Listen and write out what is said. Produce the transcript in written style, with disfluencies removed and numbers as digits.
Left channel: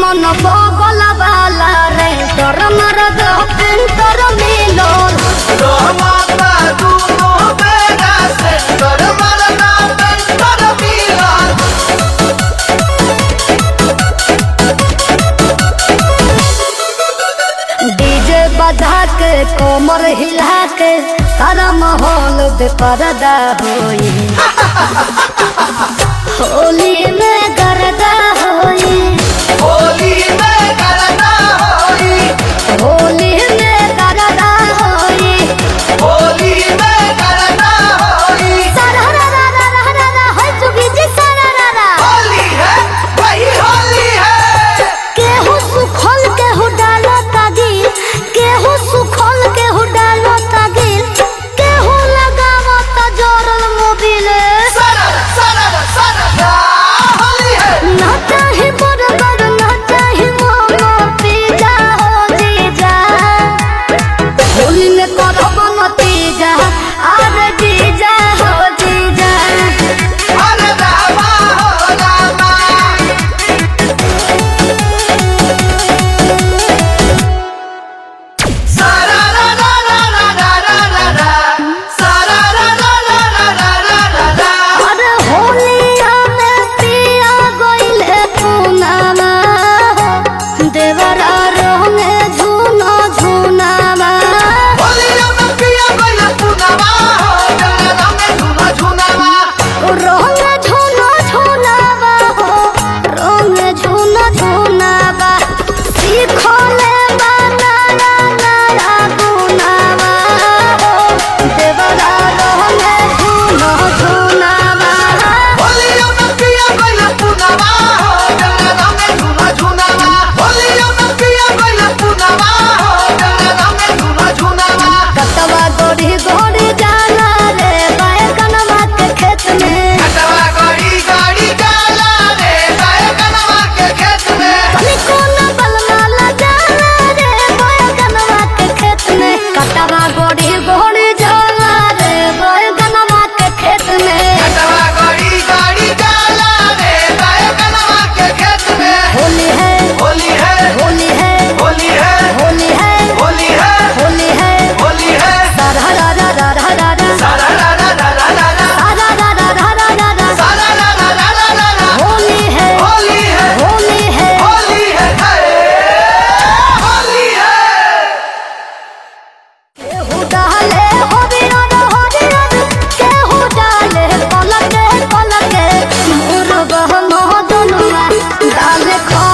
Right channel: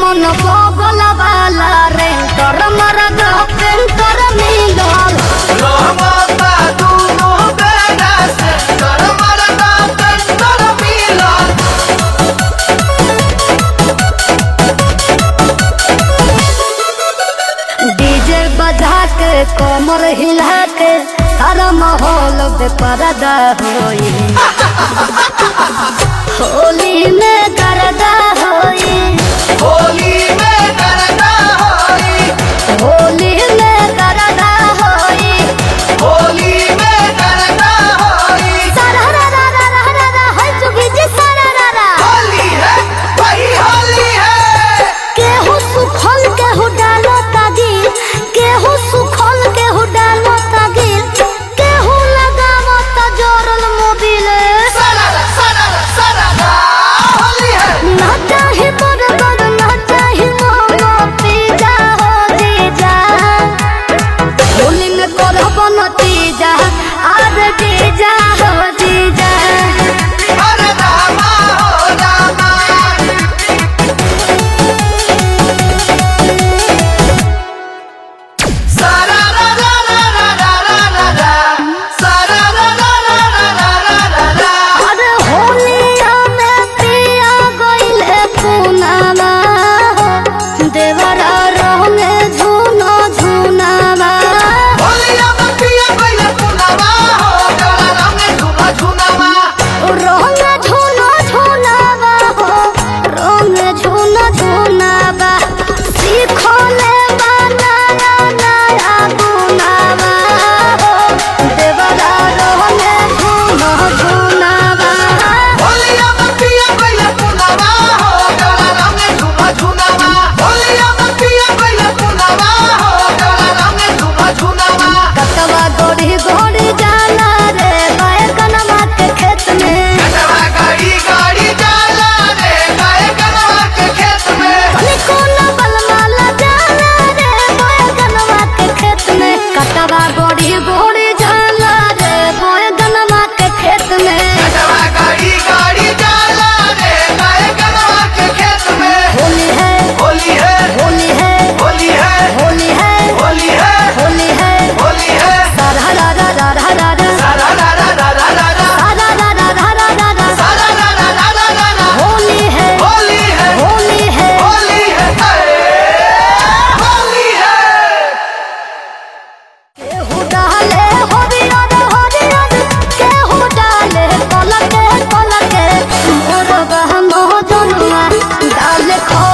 मन बगल वाला रे तोर मरद पेंटर मिलल डीजे बजा के कमर हिला के सारा माहौल बेपरदा होई होली में करदा होई होली में करदा होई सारा रा रा रा रा रा रा होई चुकी जी सारा रा रा केहू सुखल केहू डालो तागिल केहू सुखल केहू डालो तागिल केहू लगावो त जोरल मोबिल ना चाहे बरगर ना चाहे मोमो पिज्जा हो जीजा होली में करब नतीजा आर जीजा हो जीजा अरे होलिया में पिया गइले पुनामा हो देवरा रंगे झुना झुनामा रंग झुना झुनावा हो रंग झुना झुनावा सीखले बनाया नया गुनावा हो देवरा रंगे झुना झुनावा देखो